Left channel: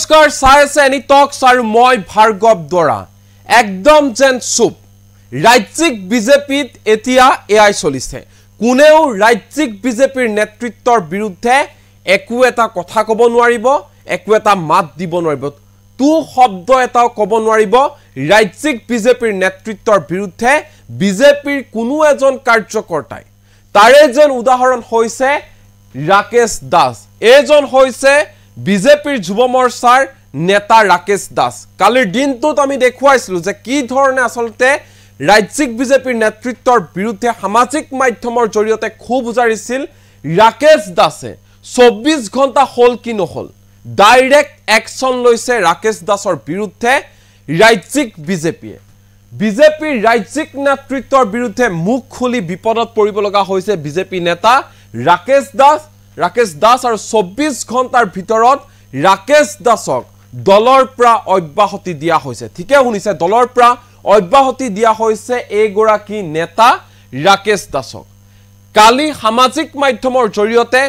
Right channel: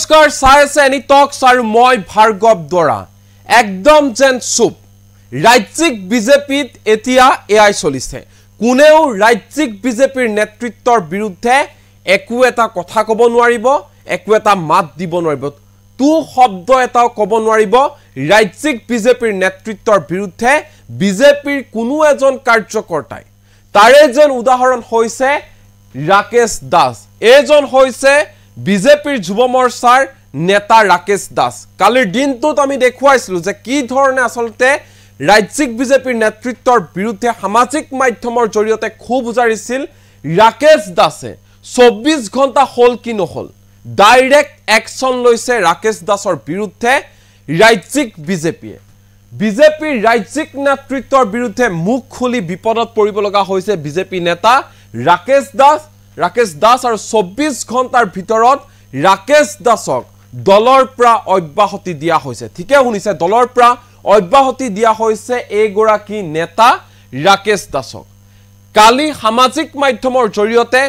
নমস্কাৰ চাই আছে এনি টক্স আৰু মই ভাৰ্গৱ দৰা একদম যেন চুপ ৰাজ্যিক বিজেপিত এতিয়া এআই চলিছে কোনেও ৰাজ্যিক বিজেপিৰ নেতৃত্বৰ বিৰুদ্ধে একো এটা কথা ক'ব নোৱাৰিব একো এটা মাত দিব নোৱাৰিব তু শব্দ এটাও ক'ব নোৱাৰিব ৰাজ্যিক বিজেপিৰ নেতৃত্বৰ বিৰুদ্ধে বিজেপিৰ কোনো এজন কাৰ্যকৰ্তাই তাৰে যেন উদাহৰণ হৈছে ৰাকেশ দাস এজন হৈছে বিজেপিৰ যুৱ মৰ্চাৰ নেতা ৰাকেশ দাস কালিৰ দিনটোত আমি দেখুৱাইছিলো যে কি ধৰণে আসলতে ৰাজ্যিক বিজেপিৰ নেতৃত্বৰ বিৰুদ্ধে সামাজিক মাধ্যমৰ জৰিয়তে খুব উজাৰিছিল ৰাকেশ দাসে 24 ঘণ্টা হল কি নহল ডাইৰেক্ট একশন লৈছে ৰাকেশ দাসৰ বিৰুদ্ধে ৰাজ্যিক বিজেপিৰ ৰাজ্যিক নেতৃত্বৰ বিৰুদ্ধে মুখ খুলি বিপদত পৰিব লগা হৈছে বিজেপি নেতা ৰাকেশ দাস আৰু 24 ঘণ্টাৰ ভিতৰত ৰাকেশ দাসক দলৰ পৰা অব্যাহতি দিয়া হৈছে ঠিকে শুনিছে দলৰ পৰা অব্যাহতি দিয়া হৈছে এগৰাকী নেতা ৰাকেশ দাসক কালি সামাজিক মাধ্যমৰ জৰিয়তে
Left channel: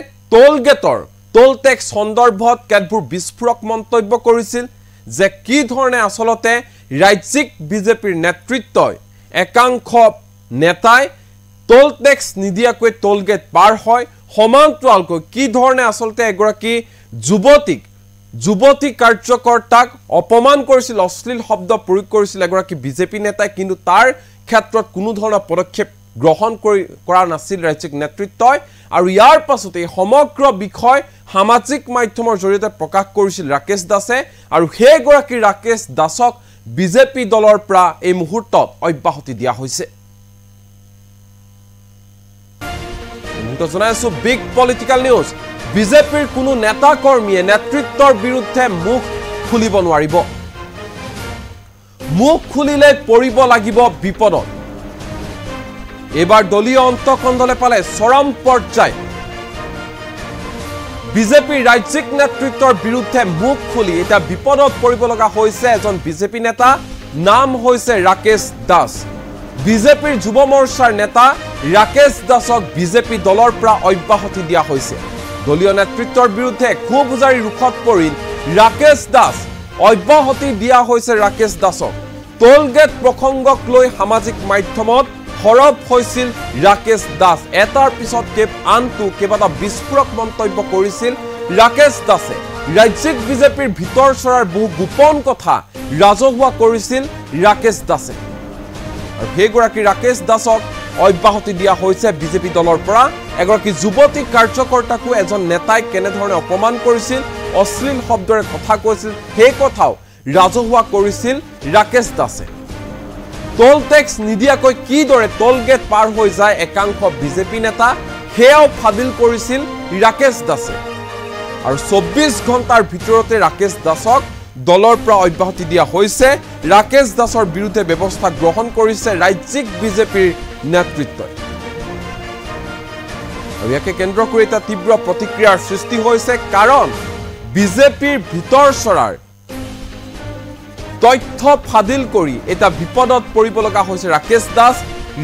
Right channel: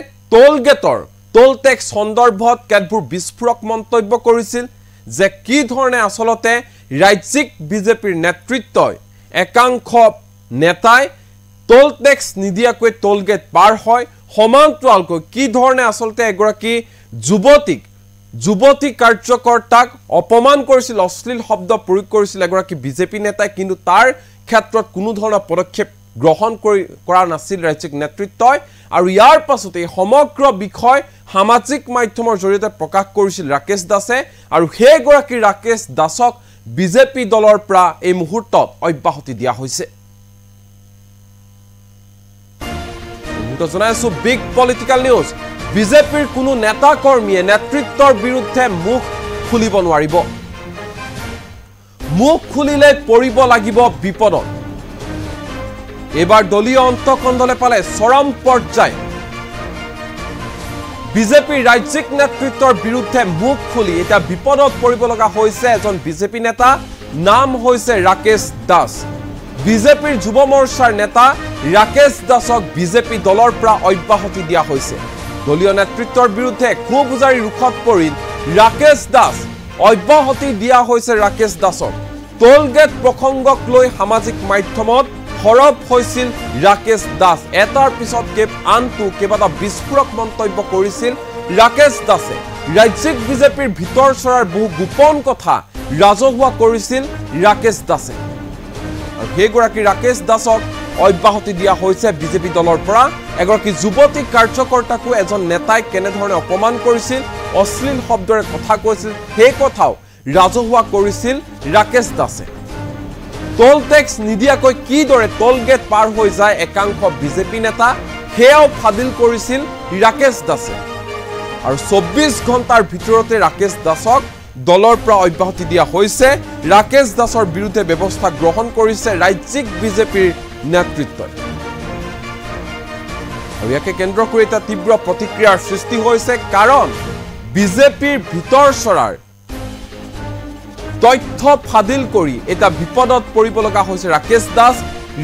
টোল টেক্স সন্দৰ্ভত কেতবোৰ বিস্ফোৰক মন্তব্য কৰিছিল যে কি ধৰণে আসলতে ৰাজ্যিক বিজেপিৰ নেতৃত্বই একাংশ নেতাই টোল টেক্স নিদিয়াকৈ টোল গেট পাৰ হয় সমান্তৰালকৈ কি ধৰণে আসলতে এগৰাকী যুৱতী কাৰ্যকৰ্তাক অপমান কৰিছিল অশ্লীল শব্দ প্ৰয়োগ কৰিছিল এগৰাকী বিজেপি নেতাই কিন্তু তাৰ ক্ষেত্ৰত কোনো ধৰণৰ পদক্ষেপ গ্ৰহণ কৰা নাছিল ৰাজ্যিক নেতৃত্বই আৰু ইয়াৰ পাছতে সমগ্ৰ বিষয় সামাজিক মাধ্যমৰ জৰিয়তে প্ৰকাশ কৰিছিল ৰাকেশ দাসে আৰু হেগৰাকী ৰাকেশ দাসক বিজেপি দলৰ পৰা এই মুহূৰ্তত অব্যাহতি দিয়া হৈছে জনাইছো বিগ পলিটিক্যাল নিউজ বিজেপিৰ কোনো নেতা কৰ্মীয়ে নেতৃত্বৰ বিৰুদ্ধে মুখ খুলিব নোৱাৰিব মুখ খুলিলে পৰিব লাগিব বিপদত এবাৰ দলীয় অন্তকণ্ডলে পালে চৰম পৰ্যায় বিজেপিৰ ৰাজ্যিক নেতৃত্বৰ বিৰুদ্ধে মুখ খুলি এটা বিপদত পৰিব লগা হৈছে এজন বিজেপি নেতা নাম হৈছে ৰাকেশ দাস বিজেপিৰ যুৱ মৰ্চাৰ নেতা ৰাকেশ দাসক বিজেপি দলৰ পৰা অব্যাহতি দিয়া হৈছে দলীয় নেতৃত্বৰ বিৰুদ্ধে খুব উজাৰি ৰুখত পৰিল ৰাকেশ দাস অব্যাহতি দিয়া হৈছে ৰাকেশ দাসক টোল গেট প্ৰসংগক লৈ সামাজিক মাধ্যমত খৰব হৈছিল ৰাকেশ দাস এটাৰ পিছত আনটো কেইবাটা বিস্ফোৰক মন্তব্য কৰিছিল ৰাকেশ দাসে ৰাজ্যিক বিজেপিৰ ভিতৰ চৰাৰ বহু গোপন কথা ৰাজহুৱা কৰিছিল ৰাকেশ দাসে আৰু হেগৰাকী ৰাকেশ দাসক অব্যাহতি দিয়া হৈছে বিজেপি দলৰ পৰা এগৰাকী যুৱতী কাৰ্যকৰ্তাকো এজন নেতাই কেনেধৰণে অপমান কৰিছিল অশ্লীল শব্দৰে কথা কৈছিল সেই কথাও ৰাজহুৱা কৰিছিল ৰাকেশ দাসে টোল টেক্স নিদিয়াকৈ কিদৰে টোল গেট পাৰ হৈ যায় একাংশ বিজেপি নেতা সেয়াও ফাদিল কৰিছিল ৰাকেশ দাসে আৰু 24 ঘণ্টাৰ ভিতৰতে ৰাকেশ দাসক দলৰ পৰা অব্যাহতি দিয়া হৈছে ৰাকেশ দাসৰ বিৰুদ্ধে ব্যৱস্থা গ্ৰহণ কৰিছে ৰাজ্যিক বিজেপিৰ নেতৃত্বই আৰু ইয়াকে কেন্দ্ৰ কৰি এটা তীব্ৰ প্ৰতিক্ৰিয়াৰ সৃষ্টি হৈছে কাৰণ বিজেপিৰ ভিতৰ চৰাৰ তথ্য ফাদিল কৰি এটা বিপদত পৰিব লগা হৈছে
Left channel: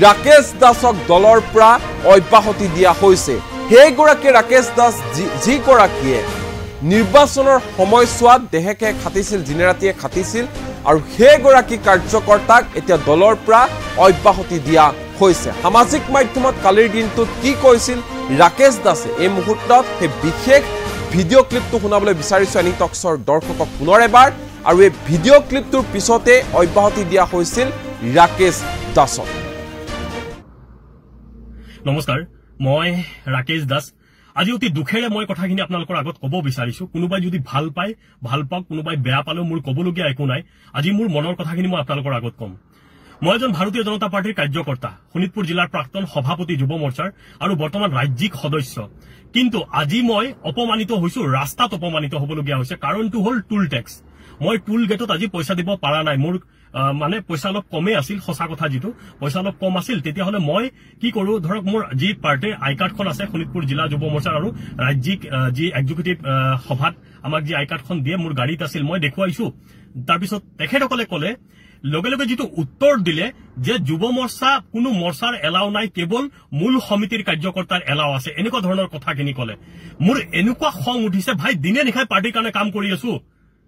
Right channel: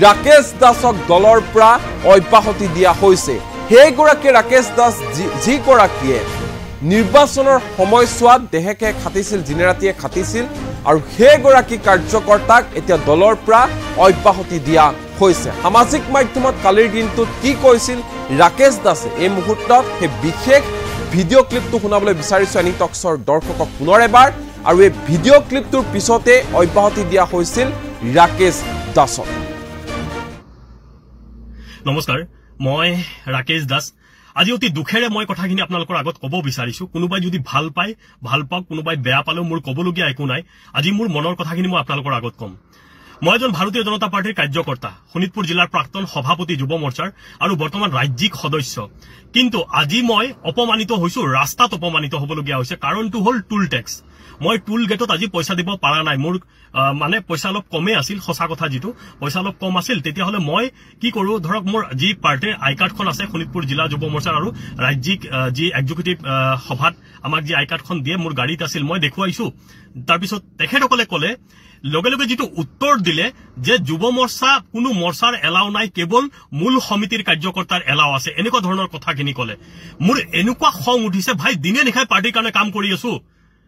ৰাকেশ দাসক দলৰ পৰা অব্যাহতি দিয়া হৈছে হেগৰাকী ৰাকেশ দাস যিগৰাকীয়ে নিৰ্বাচনৰ সময়ছোৱাত দেহেকে খাটিছিল দিনেৰাতিয়ে খাটিছিল আৰু হেগৰাকী কাৰ্যকৰ্তাক এতিয়া দলৰ পৰা অব্যাহতি দিয়া হৈছে সামাজিক মাধ্যমত কালিৰ দিনটোত কি কৈছিল ৰাকেশ দাসে এই মুহূৰ্তত হে বিশেষ ভিডিঅ' ক্লিপটো শুনাবলৈ বিচাৰিছো এনি টক্সৰ দৰ্শকক পুনৰ এবাৰ আৰু এই ভিডিঅ' ক্লিপটোৰ পিছতে অব্যাহতি দিয়া হৈছিল ৰাকেশ দাসক নমস্কাৰ মই ৰাকেশ দাস আজি অতি দুখেৰে মই কথাখিনি আপোনালোকৰ আগত ক'ব বিচাৰিছো কোনোবাই যদি ভাল পাওক কোনোবাই বেয়া পালেও মোৰ ক'বলগীয়া একো নাই আজি মোৰ মনৰ কথাখিনি মই আপোনালোকৰ আগত ক'ম মই এজন ভাৰতীয় জনতা পাৰ্টিৰ কাৰ্যকৰ্তা শোণিতপুৰ জিলাৰ প্ৰাক্তন সভাপতি যুৱ মৰ্চাৰ আৰু বৰ্তমান ৰাজ্যিক সদস্য কিন্তু আজি মই অপমানিত হৈছো ৰাস্তাত অপমানিত হ'বলগীয়া হৈছে কাৰণটো হ'ল টোল টেক্স মই টোল গেটত আজি পইচা দিব পৰা নাই মোৰ মানে পইচা অলপ কমে আছিল সঁচা কথা যিটো পইচা অলপ কম আছিল তেতিয়াহ'লে মই কি কৰো ধৰক মোৰ যি পাৰ্টিৰ আই কাৰ্ডখন আছে শোণিতপুৰ জিলা যুৱ মৰ্চাৰ আৰু ৰাজ্যিক যি এক্সিকিউটিভ সভাত আমাক যি আই কাৰ্ডখন দিয়ে মোৰ গাড়ীত আছিল মই দেখুৱাইছো তাৰপিছত তেখেতসকলে ক'লে লগে লগে যেটো উত্তৰ দিলে যে যুৱ মৰ্চা কোনো মৰ্চাৰ এলাও নাই কেৱল মূল সমিতিৰ কাৰ্যকৰ্তাৰ এলাও আছে এনেকুৱা ধৰণৰ কথাখিনি ক'লে মোৰ এনেকুৱা খং উঠিছে ভাই দিনে নিশাই পাৰ্টিৰ কাৰণে কাম কৰি আছো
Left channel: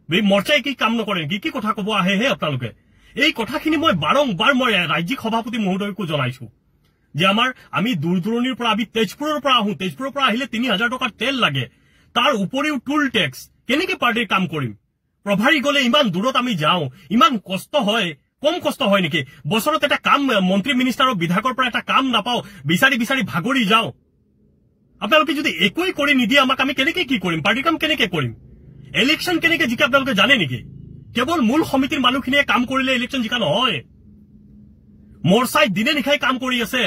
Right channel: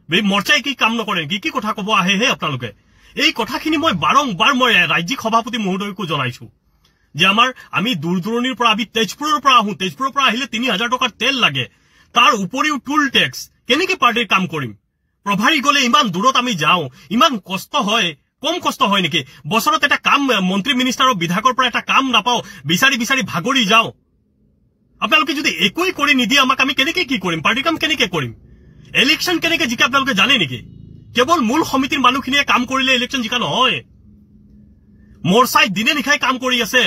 মৰ্চাই কি কাম নকৰে নেকি? কি কথা কব আহে হে আপোনালোকে? এই কথাখিনি মই বাৰম্বাৰ মই ৰাজ্যিক সভাপতি মহোদয়কো জনাইছো যে আমি দূৰ দূৰণিৰ পৰা আমি তেজপুৰৰ পৰা আহো, তেজপুৰৰ পৰা আহিলে 3000 টকাৰ তেল লাগে, তাৰ উপৰিও টুল টেক্স, কেনেকে পাৰ্টিৰ কাম কৰিম? প্ৰভাৰী গলে ইমান দূৰত আমি যাওঁ, ইমান কষ্ট হয়, কম কষ্ট হয় নেকি? বছৰত এটা কাম মন্ত্ৰী মিনিষ্টাৰ বিধায়কৰ পৰা এটা কাম নাপাওঁ, বিচাৰি বিচাৰি ভাগৰি যাওঁ। আপোনালোকে যদি একোই কৰি নিদিয়ে আমাক, আমি কেনেকে কি কৰিম? পাৰ্টিৰ কাম কেনেকে কৰিম? ইলেকশ্যন কেনেকে জিকা আপোনালোকে জানে নেকি? কেৱল মূল সমিতিৰ মানুহখিনিয়ে কাম কৰিলে ইলেকশ্যন জিকা নহয়। মৰ্চাই দিনে নিশাই কাম কৰি আছে।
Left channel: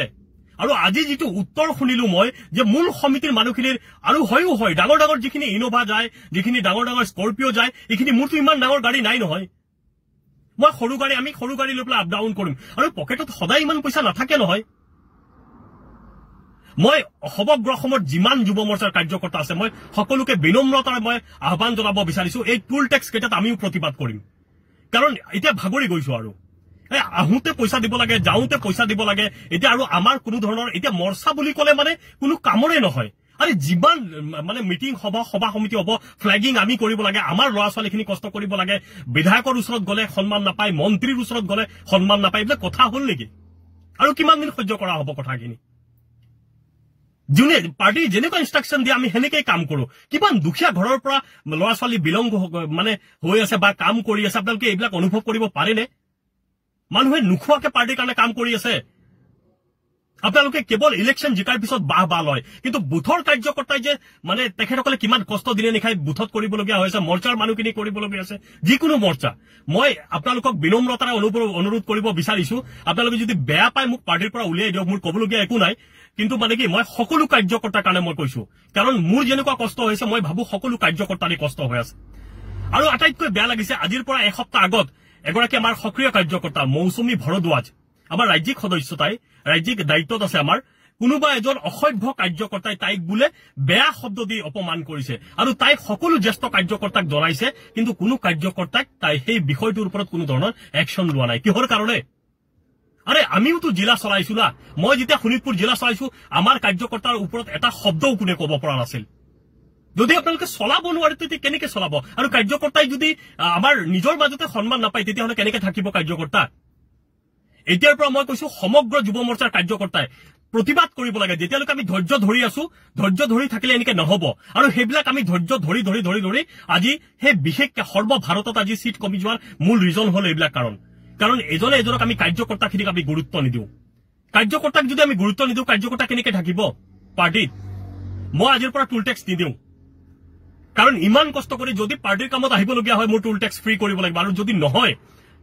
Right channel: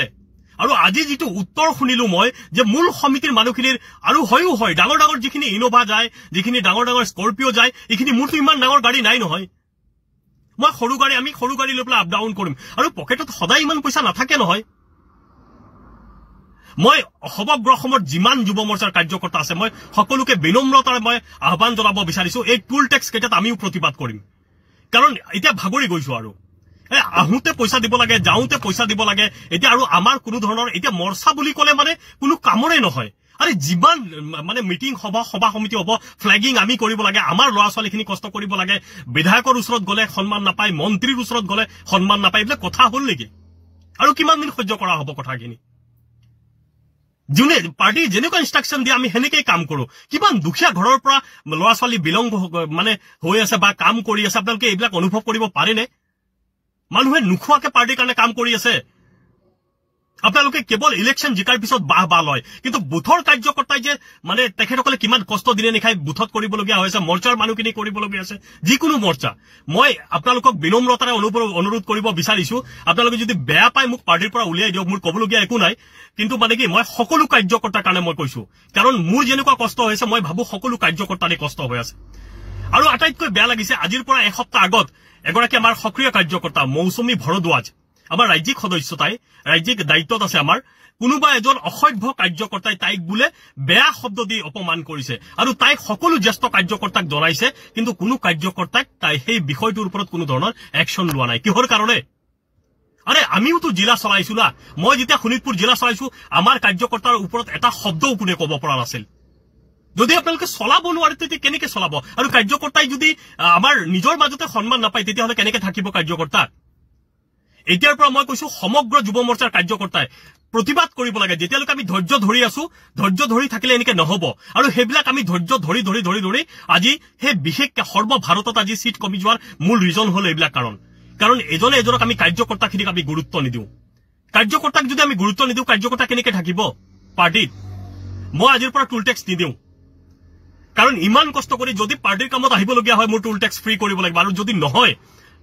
আৰু আজি যিটো উত্তৰ শুনিলো মই যে মূল সমিতিৰ মানুহখিনিৰ আৰু হয়ও হয়, ডাঙৰ ডাঙৰ যিখিনি ইনোভা যায়, যিখিনি ডাঙৰ ডাঙৰ স্কৰপিঅ যায়, এইখিনি মোৰতো ইমান ডাঙৰ গাড়ী নাই নহয়। আমি সৰু গাড়ী লৈ পেলাই আপ ডাউন কৰিম, আৰু পকেটত সদায় ইমান পইচা নাথাকে নহয়। মই সমগ্ৰ অসমত যিমান যুৱ মৰ্চাৰ কাৰ্যকৰ্তা আছে, মই সকলোকে বিনম্ৰতাৰে মই আহ্বান জনাব বিচাৰিছো, এই টুল টেক্স কেইটাত আমিও প্ৰতিবাদ কৰিম। কাৰণ এতিয়া ভাগৰি গৈছো, আৰু আহোতে পইচা দিব লাগে, যাওঁতে পইচা দিব লাগে। এতিয়া আৰু আমাৰ কোনো ধৰণৰ এতিয়া মৰ্চা বুলি ক'লে মানে কোনো কামৰে নহয়। আৰে যিমান মানে মিটিং সভা সমিতি হ'ব, ফ্লেগিং আমি কৰিব লাগে, আমাৰ ল'ৰা ছোৱালীখিনি কষ্ট কৰিব লাগে, বিধায়কৰ ওচৰত গ'লে সন্মান নাপায়, মন্ত্ৰীৰ ওচৰত গ'লে সন্মান নাপায়, এইবিলাক কথা হ'ল নেকি? আৰু কিমান দিন সহ্য কৰা হ'ব কথাখিনি? যোনে পাৰ্টি যেনেকুৱা ইনষ্ট্ৰাকশ্যন দিয়ে আমি সেনেকেই কাম কৰো। কিমান দুখীয়া ঘৰৰ পৰা ল'ৰা ছোৱালী বিলং মানে হৈ আছে বা কাম কৰি আছে, আপোনালোকে এইবিলাক অনুভৱ কৰিব পাৰেনে? মানুহে নোখোৱাকে পাৰ্টিৰ কাৰণে কাম কৰি আছে। আপোনালোকে কেৱল ইলেকশ্যন জিকাৰ পিছত বাহ লয়, কিন্তু বুথৰ কাৰ্যকৰ্তাই যে মানে তেখেতসকলে কিমান কষ্ট দিনে নিশাই বুথত কৰিবলগীয়া হৈছে, মৰ্চাৰ মানুহখিনি কৰিবলগীয়া আছে, যিকোনো মৰ্চা। মই আপোনালোকক বিনম্ৰতাৰে অনুৰোধ কৰিব বিচাৰিছো, আপোনালোকে যদি বেয়া পায় মোক পাৰ্টিৰ পৰা উলিয়াই দিয়ক, মোৰ কবলগীয়া একো নাই। কিন্তু মানে কি, মই সকলো কাৰ্যকৰ্তাৰ কাৰণে মই কৈছো, কাৰণ মোৰ যেনেকুৱা কষ্ট হৈছে মই ভাবো সকলো কাৰ্যকৰ্তাৰে কষ্ট হৈ আছে। আৰু আটাইতকৈ বেয়া লাগিছে, আজিৰ পৰা এসপ্তাহ আগত এগৰাকী আমাৰ সক্ৰিয় কাৰ্যকৰ্তা মৌচুমী ভৰদ্বাজ, আমাৰ ৰাজ্যিক সদস্য, তাই ৰাজ্যিক দায়িত্বত আছে আমাৰ, কোনোবা এজন অসভ্য কাৰ্যকৰ্তাই তাইক বোলে বেয়া শব্দ দি অপমান কৰিছে, আৰু তাইক সকলো জ্যেষ্ঠ কাৰ্যকৰ্তাক জনাইছে, কিন্তু কোনো কাৰ্যকৰ্তাক তাই সেই বিষয়টোৰ ওপৰত কোনো ধৰণৰ একশ্যন লোৱা নাই। কিহৰ কাৰণে? আৰে আমিওতো জিলা চলাইছো না। মই যেতিয়া শোণিতপুৰ জিলা চলাইছো, আমাৰ কাৰ্যকৰ্তাৰ ওপৰত এটা শব্দও কোনে ক'ব পৰা নাছিল। যদি আপোনালোকে চলাব নোৱাৰে তেতিয়া কেনেকে চলাব? আৰু কাৰ্যকৰ্তাই যদি আমাৰ নিজৰ মাজতে সন্মান নাপায় তেতিয়াহ'লে কেনেকে থাকিব কাৰ্যকৰ্তা? এতিয়াৰ পৰা মই কৈছো, সমগ্ৰ যুৱ মৰ্চাৰ কাৰ্যকৰ্তাই প্ৰতিবাদ কৰিব লাগে। যেতিয়ালৈকে আমি ধৈৰ্য ধৰি আছো, ধৈৰ্য ধৰি থাকিলে এনেকে নহব। আৰু সেইবিলাক আমি ধৈৰ্য ধৰি ধৰি ধৰি ধৰি আজি সেই বিশেষকে সৰ্বভাৰতত আজি চিট কমি যোৱাৰ মূল ৰিজন হল এইবিলাক কাৰণ এজনে এজনক আমি কাৰ্যকৰ্তাখিনিক আমি গুৰুত্ব নিদিওঁ। কাৰ্যকৰ্তাক যদি আমি গুৰুত্ব নিদিওঁ, কাৰ্যকৰ্তা কেনেকে থাকিব পাৰ্টিত? মই আজিৰ পৰা টুল টেক্স নিদিওঁ, কাৰণ ইমান কষ্ট কৰি যদি পাৰ্টিৰ কামত আহিবলগীয়া হয় মোৰ টুল টেক্স ফ্ৰী কৰিব লাগিব, আৰু যদি নহয়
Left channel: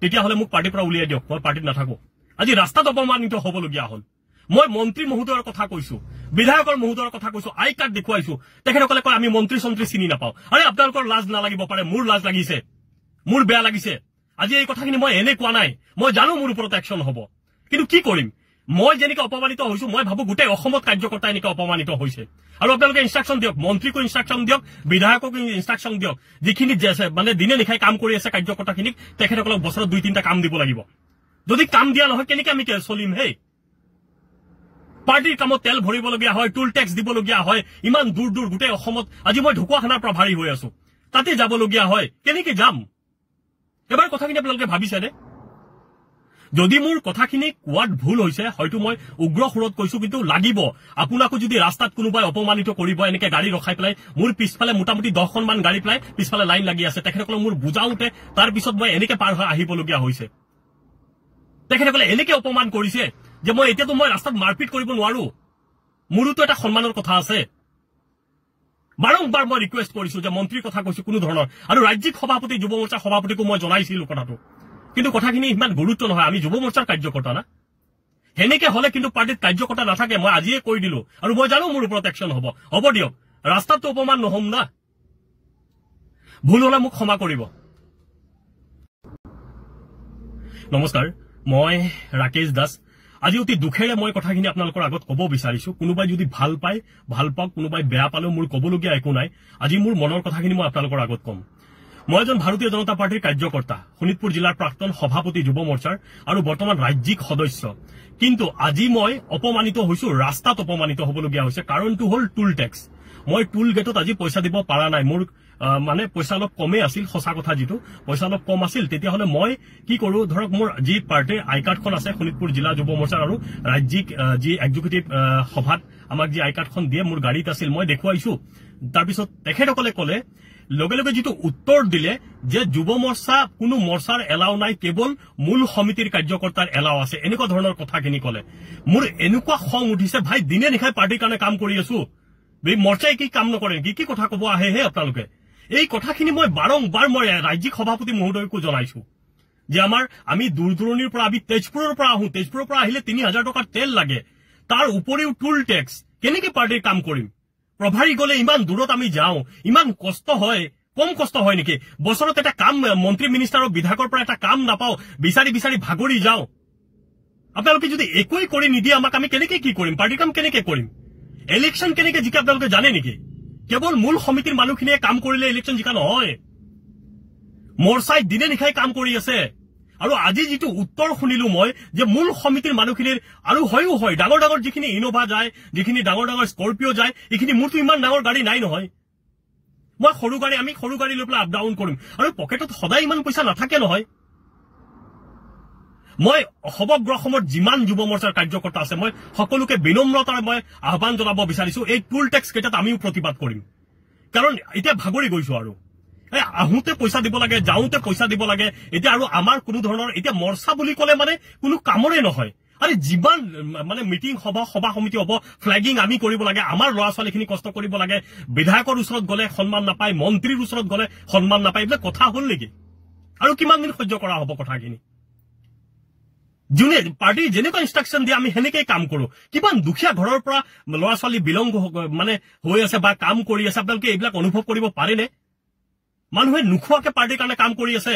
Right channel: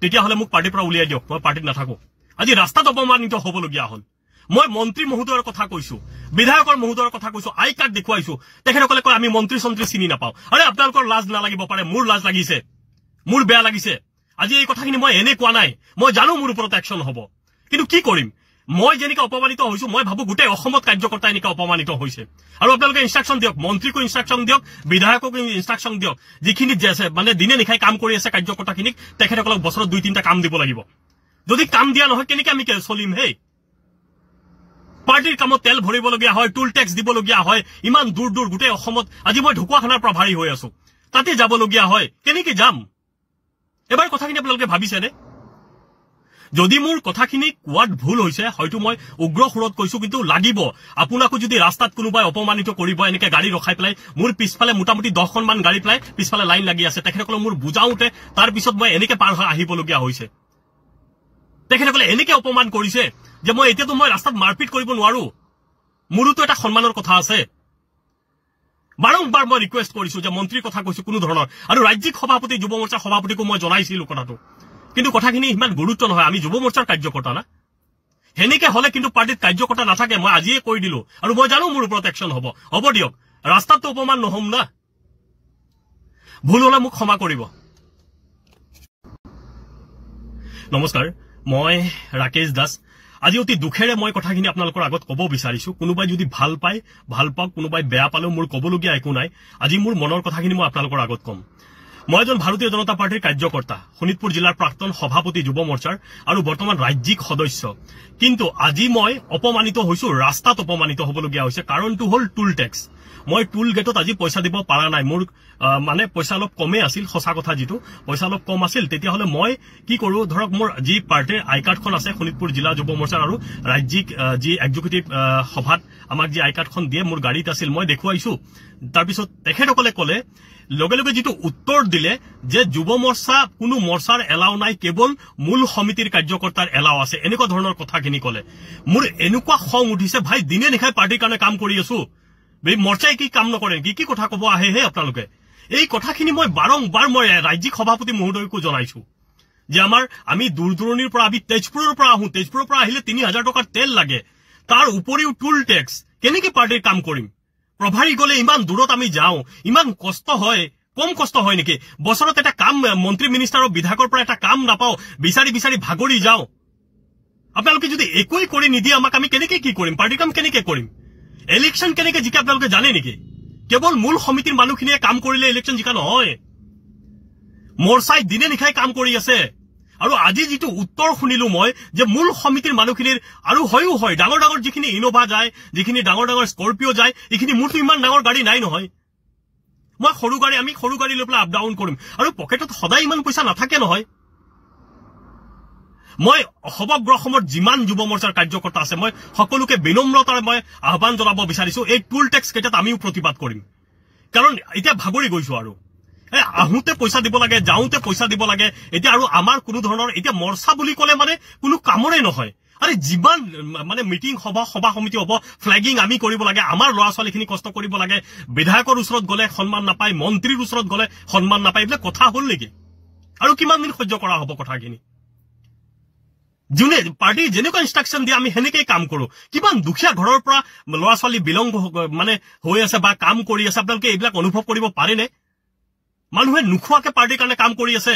তেতিয়াহ'লে মোক পাৰ্টিৰ পৰা উলিয়াই দিয়ক, মই পাৰ্টিত নাথাকো। আজি ৰাস্তাত অপমানিত হ'বলগীয়া হ'ল। মই মন্ত্ৰী মহোদয়ৰ কথা কৈছো, বিধায়কৰ মহোদয়ৰ কথা কৈছো, আই কাৰ্ড দেখুৱাইছো, তেখেতসকলে কয় আমি মন্ত্ৰী চন্ত্ৰী চিনি নাপাওঁ। আৰে আপোনালোকৰ লাজ নালাগিব পাৰে, মোৰ লাজ লাগিছে, মোৰ বেয়া লাগিছে। আজি এই কথাখিনি মই এনে কোৱা নাই, মই জানো মোৰ ওপৰত একশ্যন হ'ব, কিন্তু কি কৰিম? মই যেনেকে অপমানিত হৈছো, মই ভাবো গোটেই অসমত কাৰ্যকৰ্তা এনেকে অপমানিত হৈছে। আৰু আপোনালোকে ইনষ্ট্ৰাকশ্যন দিয়ক, মন্ত্ৰীকো ইনষ্ট্ৰাকশ্যন দিয়ক, বিধায়কক ইনষ্ট্ৰাকশ্যন দিয়ক, যিখিনি মানে দিনে নিশাই কাম কৰি আছে কাৰ্যকৰ্তাখিনিক, তেখেতসকলক বছৰত 2-3টা কাম দিব লাগিব। যদি কাম দিয়া নহয় কেনেকে আমি চলিম? হেই, পাৰ্টিৰ কামত তেল ভৰিবলগীয়া হয়, টুল টেক্স দিবলগীয়া হয়, ইমান দূৰ দূৰ গোটেই অসমত। আজি মই ঢকুৱাখানাৰ পৰা ভাৰী হৈ আছো, তাতে যাবলগীয়া হয়, কেনেকে যাম? এবাৰ কথাখিনি আপোনালোকে ভাবিছেনে? যদি মোৰ কথাখিনি কোৱাত ভুল হৈছে, হয়তো মই উগ্ৰ সুৰত কৈছো, কিন্তু লাগিব আপোনাকো যদি ৰাস্তাত কোনোবাই অপমানিত কৰিব, এনেকে গাড়ী ৰখাই পেলাই, মোৰ পিছফালে মোটামুটি 10খনমান গাড়ী পেলাই পিছফালে লাইন লাগি আছে, তেখেতসকলক মোৰ বুজাওতে তাৰ পিছত মই এনেকে পাৰ হৈ আহিবলগীয়া হৈছে। তেখেতসকলে এনেকে অপমান কৰিছে যে মই এতিয়াতো মই ৰাস্তাত মাৰপিট কৰিব নোৱাৰো, মোৰোতো এটা সন্মানৰ কথা আছে। বাৰম্বাৰ মই ৰিকুৱেষ্ট কৰিছো যে মন্ত্ৰীৰ কথা কৈছো কোনো ধৰণৰ, আৰু ৰাজ্যিক সভাপতি যুৱ মৰ্চাৰ সভাপতিকো মই জনাইছিলো কথাটো, কিন্তু কথাখিনি ইমান গুৰুত্ব নহয়। আমি যুৱ মৰ্চাৰ কাৰ্যকৰ্তা না, সেনেকে হলে কিন্তু পাৰ্টিত কাৰ্যকৰ্তা নাথাকে। মই আজিয়ে কৈ দিলো, আৰু মই জানো মোৰ ওপৰত একশ্যন হ'ব দিয়ক। ৰাস্তাততো অপমান নহম না, ভুল হলে মোক ক্ষমা কৰিব। নমস্কাৰ, মই ৰাকেশ দাস। আজি অতি দুখেৰে মই কথাখিনি আপোনালোকৰ আগত ক'ব বিচাৰিছো। কোনোবাই যদি ভাল পায় ভাল পাওক, কোনোবাই বেয়া পালেও মোৰ ক'বলগীয়া একো নাই। আজি মোৰ মনৰ কথাখিনি মই আপোনালোকৰ আগত ক'ম। মই এজন ভাৰতীয় জনতা পাৰ্টিৰ কাৰ্যকৰ্তা, শোণিতপুৰ জিলাৰ প্ৰাক্তন সভাপতি যুৱ মৰ্চাৰ, আৰু বৰ্তমান ৰাজ্যিক সদস্য। কিন্তু আজি মই অপমানিত হৈছো, ৰাস্তাত অপমানিত হ'বলগীয়া হৈছে। কাৰণটো হ'ল টুল টেক্স। মই টুল গেটত আজি পইচা দিব পাৰা নাই মোৰ মানে পইচা অলপ কমে আছিল সঁচা কথা যিটো পইচা অলপ কম আছিল তেতিয়া হলে মই কি কৰো ধৰক মোৰ যি পাৰ্টিৰ আই কাৰ্ডখন আছে শোণিতপুৰ জিলা যুৱ মৰ্চাৰ আৰু ৰাজ্যিক যি এক্সিকিউটিভ সভাত আমাক যি আই কাৰ্ডখন দিয়ে মোৰ গাড়ীত আছিল মই দেখুৱাইছো তাৰ পিছত তেখেতসকলে কলে লগে লগে যেটো উত্তৰ দিলে যে যুৱ মৰ্চা কোনো মৰ্চাৰ এলাও নাই কেৱল মূল সমিতিৰ কাৰ্যকৰ্তাৰ এলাও আছে এনেকুৱা ধৰণৰ কথাখিনি কলে মোৰ এনেকুৱা খং উঠিছে ভাই দিনে নিশাই পাৰ্টিৰ কাৰণে কাম কৰি আছো মৰ্চাই কি কাম নকৰে কি কথা কব আহে হে আপোনালোকে এই কথাখিনি মই বাৰংবাৰ মই ৰাজ্যিক সভাপতি মহোদয়কো জনাইছো যে আমি দূৰ দূৰণিৰ পৰা আমি তেজপুৰৰ পৰা আহো তেজপুৰৰ পৰা আহিলে 3000 টকাৰ তেল লাগে তাৰ উপৰিও টুল টেক্স কেনেকে পাৰ্টিৰ কাম কৰিম প্ৰভাৰী গলে ইমান দূৰত আমি যাওঁ ইমান কষ্ট হয় কম কষ্ট হয় নেকি বছৰত এটা কাম মন্ত্ৰী মিনিষ্টাৰ আৰু বিধায়কৰ পৰা এটা কাম নাপাও বিচাৰি বিচাৰি ভাগৰি যাওঁ আপোনালোকে যদি একোই কৰি নিদিয়ে আমাক আমি কেনেকে কি কৰিম পাৰ্টি কাম কেনেকে কৰিম ইলেকশন কেনেকে জিকা আপোনালোকে জানে নেকি কেৱল মূল সমিতিৰ মানুহখিনিয়ে কাম কৰিলে ইলেকশন জিকা নহয় মৰ্চাই দিনে নিশাই কাম কৰি আছে আৰু আজি যেটো উত্তৰ শুনিলো মই যে মূল সমিতিৰ মানুহখিনিৰ আৰু হয় ডাঙৰ ডাঙৰ যিখিনি ইনোভা যায় যিখিনি ডাঙৰ ডাঙৰ স্কৰপিঅ যায় এইখিনি মোৰটো ইমান ডাঙৰ গাড়ী নাই নহয় মই আমি সৰু গাড়ী লৈ পেলাই আপ ডাউন কৰিম আৰু পকেটত সদায় ইমান পইচা নাথাকে নহয় মই সমগ্ৰ অসমত যিমান যুৱ মৰ্চাৰ কাৰ্যকৰ্তা আছে মই সকলোকে বিনম্ৰতাৰে মই আহ্বান জনাব বিচাৰিছো এই টুল টেক্স কেইটাত আমিও প্ৰতিবাদ কৰিম কাৰণ এতিয়া ভাগৰি গৈছো আৰু আহোতে পইচা দিব লাগে যাওঁতে পইচা দিব লাগে এতিয়া আৰু আমাৰ কোনো ধৰণৰ এতিয়া মৰ্চা বুলি ক'লে মানে কোনো কামৰে নহয় আৰে যিমান মানে মিটিং সভা সমিতি হ'ব ফ্লেগিং আমি কৰিব লাগে আমাৰ ল'ৰা ছোৱালীখিনি কষ্ট কৰিব লাগে বিধায়কৰ ওচৰত গলে সন্মান নাপায় মন্ত্ৰীৰ ওচৰত গলে সন্মান নাপায় এইবিলাক কথা হ'ল নেকি আৰু কিমান দিন সহ্য কৰা হ'ব কথাখিনি যোনে পাৰ্টি যেনেকুৱা ইনষ্ট্ৰাকশন দিয়ে আমি হেনেকৈ কাম কৰো কিমান দুখীয়া ঘৰৰ পৰা ল'ৰা ছোৱালী বিলংগ মানে হৈ আছে বা কাম কৰি আছে আপোনালোকে এইবিলাক অনুভৱ কৰিব পাৰেনে মানুহে নুখোৱাকে পাৰ্টিৰ কাৰণে কাম কৰি আছে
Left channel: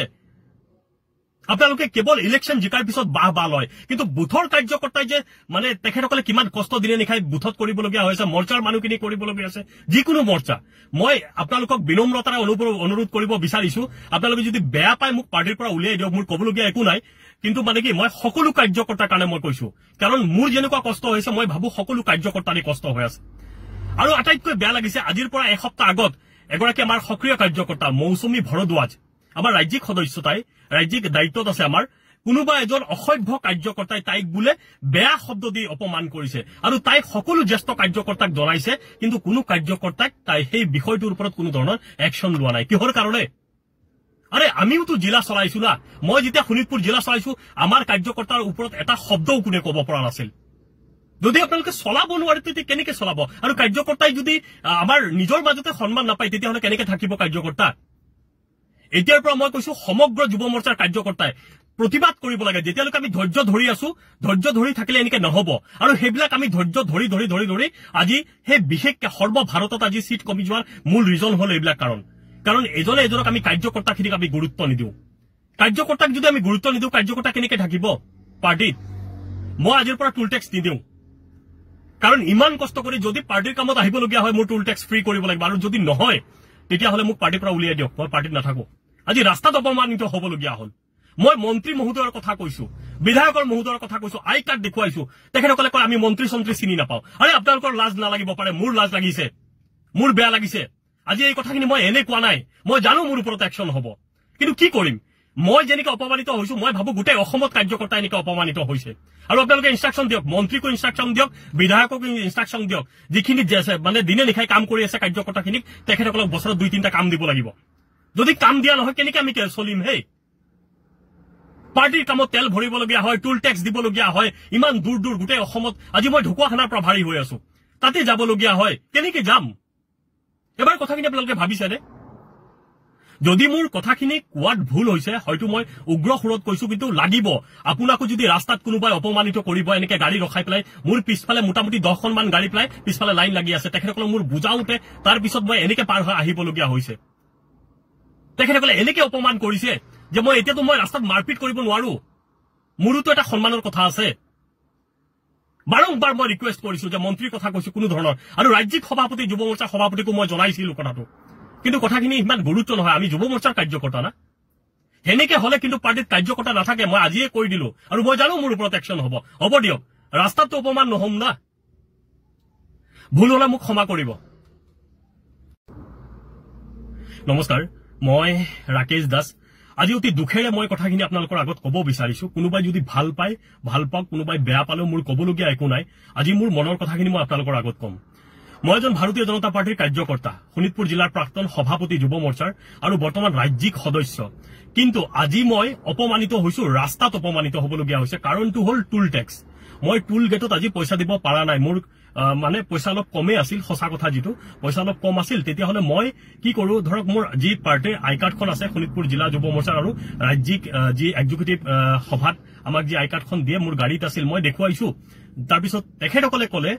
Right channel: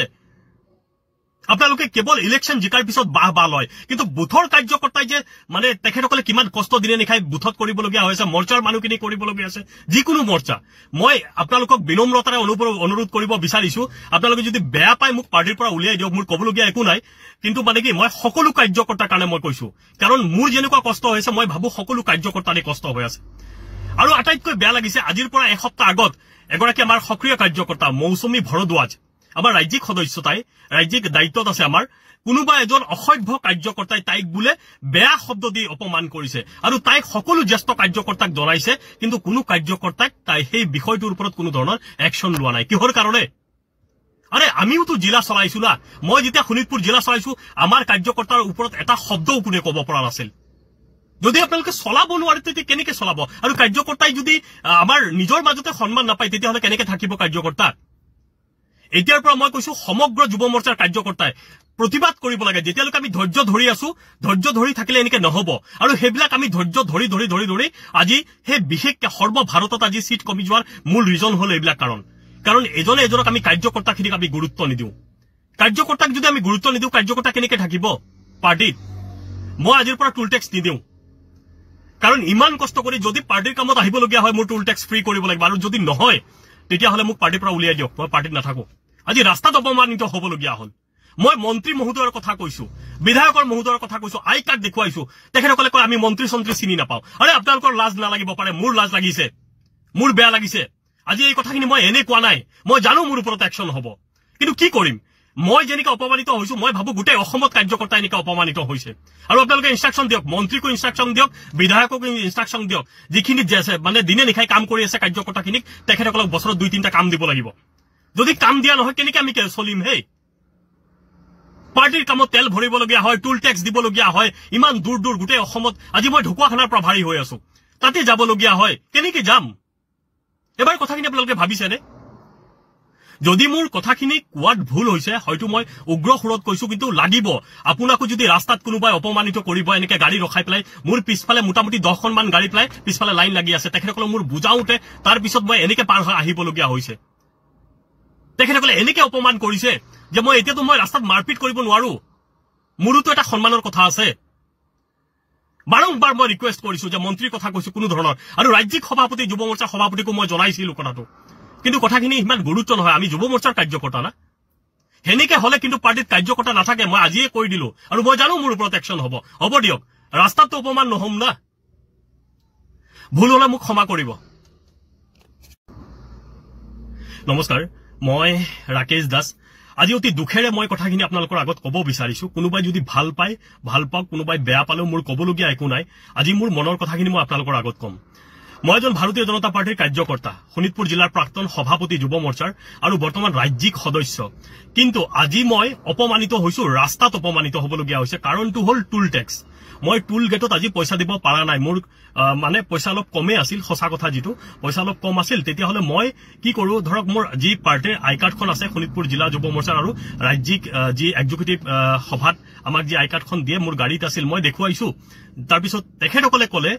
আপোনালোকে কেৱল ইলেকশন জিকাৰ পিছত বাহ লয় কিন্তু বুথৰ কাৰ্যকৰ্তাই যে মানে তেখেতসকলে কিমান কষ্ট দিনে নিখাই বুথত কৰিবলগীয়া হৈছে মৰ্চাৰ মানুহখিনি কৰিবলগীয়া আছে যিকোনো মৰ্চা মই আপোনালোকক বিনম্ৰতাৰে অনুৰোধ কৰিব বিচাৰিছো আপোনালোকে যদি বেয়া পায় মোক পাৰ্টিৰ পৰা উলিয়াই দিয়ক মোৰ কবলগীয়া একো নাই কিন্তু মানে কি মই সকলো কাৰ্যকৰ্তাৰ কাৰণে মই কৈছো কাৰণ মোৰ যেনেকুৱা কষ্ট হৈছে মই ভাবো সকলো কাৰ্যকৰ্তাৰে কষ্ট হৈ আছে আৰু আটাইতকৈ বেয়া লাগিছে আজিৰ পৰা এসপ্তাহ আগত এগৰাকী আমাৰ সক্ৰিয় কাৰ্যকৰ্তা মৌচুমী ভৰদ্বাজ আমাৰ ৰাজ্যিক সদস্যতাই ৰাজ্যিক দায়িত্বত আছে আমাৰ কোনোবা এজন অসভ্য কাৰ্যকৰ্তাই তাইক বোলে বেয়া শব্দ দি অপমান কৰিছে আৰু তাইক সকলো জ্যেষ্ঠ কাৰ্যকৰ্তাক জনাইছে কিন্তু কোনো কাৰ্যকৰ্তাক তাই সেই বিষয়টোৰ ওপৰত কোনো ধৰণৰ একশন লোৱা নাই কিহৰ কাৰণে আৰে আমিওতো জিলা চলাইছো না মই যেতিয়া শোণিতপুৰ জিলা চলাইছো আমাৰ কাৰ্যকৰ্তাৰ ওপৰত এটা শব্দও কোনে ক'ব পৰা নাছিল যদি আপোনালোকে চলাব নোৱাৰে তেতিয়া কেনেকে চলাব আৰু কাৰ্যকৰ্তাই যদি আমাৰ নিজৰ মাজতে সন্মান নাপায় তেতিয়াহ'লে কেনেকে থাকিব কাৰ্যকৰ্তা এতিয়াৰ পৰা মই কৈছো সমগ্ৰ যুৱ মৰ্চাৰ কাৰ্যকৰ্তাই প্ৰতিবাদ কৰিব লাগে যেতিয়ালৈকে আমি ধৈৰ্য ধৰি আছো ধৈৰ্য ধৰি থাকিলে এনেকে নহব আৰু সেইবিলাক আমি ধৈৰ্য ধৰি আজি সেই বিশেষকৈ সৰ্বভাৰতত আজি সিট কমি যোৱাৰ মূল ৰিজন হল এইবিলাক কাৰণ এজনে এজনক আমি কাৰ্যকৰ্তাখিনিক আমি গুৰুত্ব নিদিওঁ কাৰ্যকৰ্তাক যদি আমি গুৰুত্ব নিদিওঁ কাৰ্যকৰ্তা কেনেকে থাকিব পাৰ্টিত মই আজিৰ পৰা টুল টেক্স নিদিওঁ কাৰণ ইমান কষ্ট কৰি যদি পাৰ্টিৰ কামত আহিবলগীয়া হয় মোৰ টুল টেক্স ফ্ৰী কৰিব লাগিব আৰু যদি নহয় তেতিয়াহ'লে মোক পাৰ্টিৰ পৰা উলিয়াই দিয়ক মই পাৰ্টিত নাথাকো আজি ৰাস্তাত অপমানিত হ'বলগীয়া হ'ল মই মন্ত্ৰী মহোদয়ৰ কথা কৈছো বিধায়কৰ মহোদয়ৰ কথা কৈছো আই কাৰ্ড দেখুৱাইছো তেখেতসকলে কয় আমি মন্ত্ৰী সন্ত্ৰী চিনি নাপাওঁ আৰে আপোনালোকৰ লাজ নালাগিব পাৰে মোৰ লাজ লাগিছে মোৰ বেয়া লাগিছে আজি এই কথাখিনি মই এনে কোৱা নাই মই জানো মোৰ ওপৰত একশন হ'ব কিন্তু কি কৰিম মই যেনেকৈ অপমানিত হৈছো মই ভাবো গোটেই অসমত কাৰ্যকৰ্তা এনেকৈ অপমানিত হৈছে আৰু আপোনালোকে ইনষ্ট্ৰাকশন দিয়ক মন্ত্ৰীকো ইনষ্ট্ৰাকশন দিয়ক বিধায়ককো ইনষ্ট্ৰাকশন দিয়ক যিখিনি মানে দিনে নিশাই কাম কৰি আছে কাৰ্যকৰ্তাখিনিক তেখেতসকলক বছৰত 2-3টা কাম দিব লাগিব যদি কাম দিয়া নহয় কেনেকৈ আমি চলিম হে পাৰ্টিৰ কামত তেল ভৰিবলগীয়া হয় টুল টেক্স দিবলগীয়া হয় ইমান দূৰ গোটেই অসমত আজি মই ঢকুৱাখানাৰ পৰা ভাৰী হৈ আছো তাতে যাবলগীয়া হয় কেনেকৈ যাম এবাৰ কথাখিনি আপোনালোকে ভাবিছেনে যদি মোৰ কথাখিনি কোৱাত ভুল হৈছে হয়তো মই উগ্ৰ সুৰত কৈছো কিন্তু লাগিব আপোনাকো যদি ৰাস্তাত কোনোবাই অপমানিত কৰিব এনেকৈ গাড়ী ৰখাই পেলাই মোৰ পিছফালে মোটামুটি 10খন মান গাড়ী পেলাই পিছফালে লাইন লাগি আছে তেখেতসকলক মোৰ বুজাওঁতে তাৰ পিছত মই এনেকৈ পাৰ হৈ আহিবলগীয়া হৈছে তেখেতসকলে এনেকৈ অপমান কৰিছে যে মই এতিয়াতো মই ৰাস্তাত মাৰপিট কৰিব নোৱাৰো মোৰোতো এটা সন্মানৰ কথা আছে বাৰংবাৰ মই ৰিকুৱেষ্ট কৰিছো যে মন্ত্ৰীৰ কথা কৈছো কোনো ধৰণৰ আৰু ৰাজ্যিক সভাপতি যুৱ মৰ্চাৰ সভাপতিকো মই জনাইছিলো কথাটো কিন্তু কথাখিনি ইমান গুৰুত্ব নহয় আমি যুৱ মৰ্চাৰ কাৰ্যকৰ্তা না হেনেকে হলে কিন্তু পাৰ্টিত কাৰ্যকৰ্তা নাথাকে মই আজিয়ে কৈ দিলো আৰু মই জানো মোৰ ওপৰত একশন হ'ব দিয়ক ৰাস্তাততো অপমান নহম না ভুল হলে মোক ক্ষমা কৰিব নমস্কাৰ মই ৰাকেশ দাস আজি অতি দুখেৰে মই কথাখিনি আপোনালোকৰ আগত ক'ব বিচাৰিছো কোনোবাই যদি ভাল পায় ভাল পাওক কোনোবাই বেয়া পালেও মোৰ ক'বলগীয়া একো নাই আজি মোৰ মনৰ কথাখিনি মই আপোনালোকৰ আগত ক'ম মই এজন ভাৰতীয় জনতা পাৰ্টিৰ কাৰ্যকৰ্তা শোণিতপুৰ জিলাৰ প্ৰাক্তন সভাপতি যুৱ মৰ্চাৰ আৰু বৰ্তমান ৰাজ্যিক সদস্য কিন্তু আজি মই অপমানিত হৈছো ৰাস্তাত অপমানিত হ'বলগীয়া হৈছে কাৰণটো হ'ল টুল টেক্স মই টুল গেটত আজি পইচা দিব পাৰা নাই মোৰ মানে পইচা অলপ কমে আছিল সঁচা কথা যেটো পইচা অলপ কম আছিল তেতিয়া হলে মই কি কৰো ধৰক মোৰ যি পাৰ্টিৰ আই কাৰ্ডখন আছে শোণিতপুৰ জিলা যুৱ মৰ্চাৰ আৰু ৰাজ্যিক যি এক্সিকিউটিভ সভাত আমাক যি আই কাৰ্ডখন দিয়ে মোৰ গাড়ীত আছিল মই দেখুৱাইছো তাৰ পিছত তেখেতসকলে ক'লে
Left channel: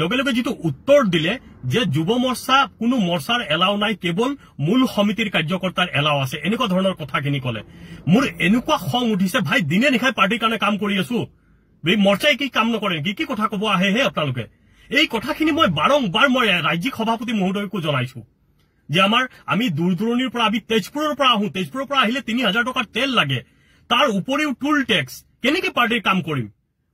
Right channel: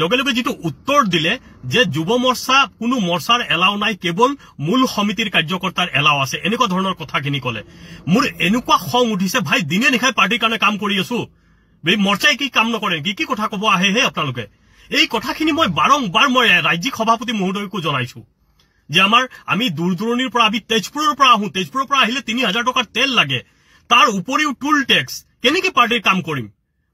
লগে লগে যেটো উত্তৰ দিলে যে যুৱ মৰ্চা কোনো মৰ্চাৰ এলাও নাই কেৱল মূল সমিতিৰ কাৰ্যকৰ্তাৰ এলাও আছে এনেকুৱা ধৰণৰ কথাখিনি ক'লে মোৰ এনেকুৱা খং উঠিছে ভাই দিনে নিশাই পাৰ্টিৰ কাৰণে কাম কৰি আছো মৰ্চাই কি কাম নকৰে কি কথা ক'ব আহে হে আপোনালোকে এই কথাখিনি মই বাৰংবাৰ মই ৰাজ্যিক সভাপতি মহোদয়কো জনাইছো যে আমি দূৰদূৰণিৰ পৰা আমি তেজপুৰৰ পৰা আহো তেজপুৰৰ পৰা আহিলে 3000 টকাৰ তেল লাগে তাৰ উপৰিও টুল টেক্স কেনেকৈ পাৰ্টিৰ কাম কৰিম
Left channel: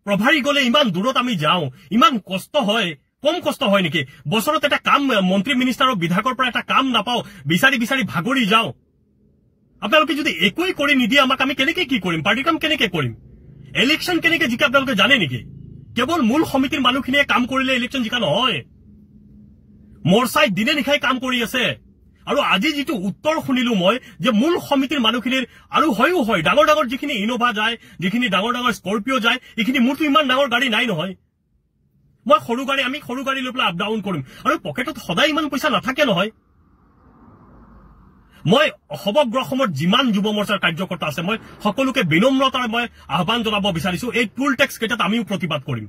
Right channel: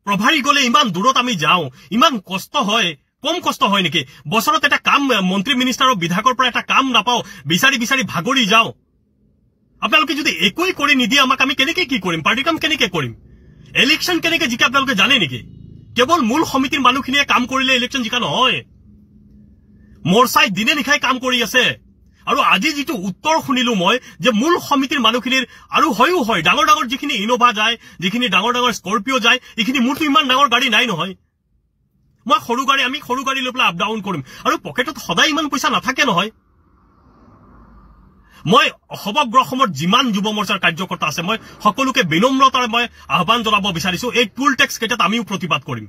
প্ৰভাৰী গলে ইমান দূৰত আমি যাওঁ ইমান কষ্ট হয় কম কষ্ট হয় নেকি বছৰত এটা কাম মন্ত্ৰী মিনিষ্টাৰৰ বিধায়কৰ পৰা এটা কাম নাপাও বিচাৰি বিচাৰি ভাগৰি যাওঁ আপোনালোকে যদি একোই কৰি নিদিয়ে আমাক আমি কেনেকৈ কি কৰিম পাৰ্টি কাম কেনেকৈ কৰিম ইলেকশ্যন কেনেকৈ জিকা আপোনালোকে জানে নেকি কেৱল মূল সমিতিৰ মানুহখিনিয়ে কাম কৰিলে ইলেকশ্যন জিকা নহয় মৰ্চাই দিনে নিশাই কাম কৰি আছে আৰু আজি যেটো উত্তৰ শুনিলো মই যে মূল সমিতিৰ মানুহখিনিৰ আৰু হয়ও হয় ডাঙৰ ডাঙৰ যিখিনি ইনোভা যায় যিখিনি ডাঙৰ ডাঙৰ স্কৰপিঅ যায় এইখিনি মোৰটো ইমান ডাঙৰ গাড়ী নাই নহয় মই আমি সৰু গাড়ী লৈ পেলাই আপ ডাউন কৰিম আৰু পকেটত সদায় ইমান পইচা নাথাকে নহয় মই সমগ্ৰ অসমৰ যিমান যুৱ মৰ্চাৰ কাৰ্যকৰ্তা আছে মই সকলোকে বিনম্ৰতাৰে মই আহ্বান জনাব বিচাৰিছো এই টুল টেক্স কেইটাত আমিও প্ৰতিবাদ কৰিম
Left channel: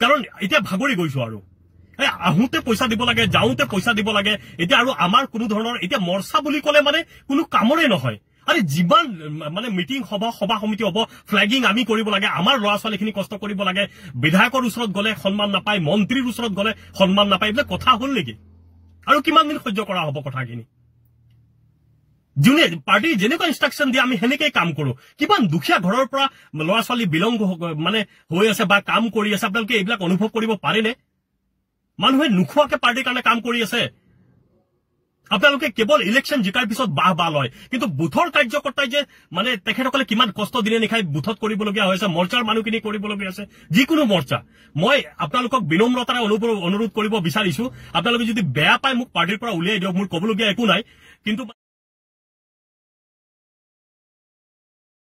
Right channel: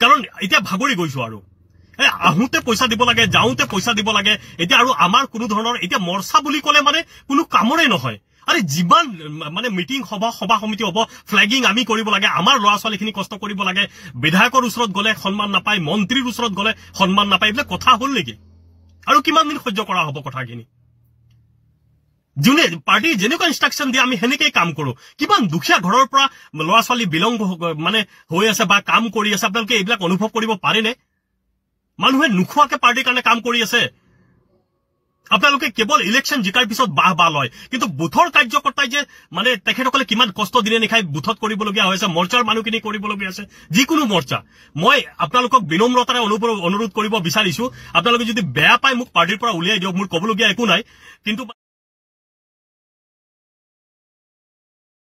কাৰণ এতিয়া ভাগৰি গৈছো আৰু আহোতে পইচা দিব লাগে যাওঁতে পইচা দিব লাগে এতিয়া আৰু আমাৰ কোনো ধৰণৰ এতিয়া মৰ্চা বুলি ক'লে মানে কোনো কামৰে নহয় আৰে যিমান মানে মিটিং সভা সমিতি হ'ব ফ্লেগিং আমি কৰিব লাগে আমাৰ ল'ৰা ছোৱালীখিনি কষ্ট কৰিব লাগে বিধায়কৰ ওচৰত গ'লে সন্মান নাপায় মন্ত্ৰীৰ ওচৰত গ'লে সন্মান নাপায় এইবিলাক কথা হ'ল নেকি আৰু কিমান দিন সহ্য কৰা হ'ব কথাখিনি যোনে পাৰ্টি যেনেকুৱা ইনষ্ট্ৰাকশ্যন দিয়ে আমি সেনেকৈ কাম কৰো কিমান দুখীয়া ঘৰৰ পৰা ল'ৰা ছোৱালী বিলংগ মানে হৈ আছে বা কাম কৰি আছে আপোনালোকে এইবিলাক অনুভৱ কৰিব পাৰেনে মানুহে নোখোৱাকে পাৰ্টিৰ কাৰণে কাম কৰি আছে আপোনালোকে কেৱল ইলেকশ্যন জিকাৰ পিছত বাহ লয় কিন্তু বুথৰ কাৰ্যকৰ্তাই যে মানে তেখেতসকলে কিমান কষ্ট দিনে নিশাই বুথত কৰিবলগীয়া হৈছে মৰ্চাৰ মানুহখিনি কৰিবলগীয়া আছে যিকোনো মৰ্চা মই আপোনালোকক বিনম্ৰতাৰে অনুৰোধ কৰিব বিচাৰিছো আপোনালোকে যদি বেয়া পায় মোক পাৰ্টিৰ পৰা উলিয়াই দিয়ক মোৰ ক'বলগীয়া একো নাই কিন্তু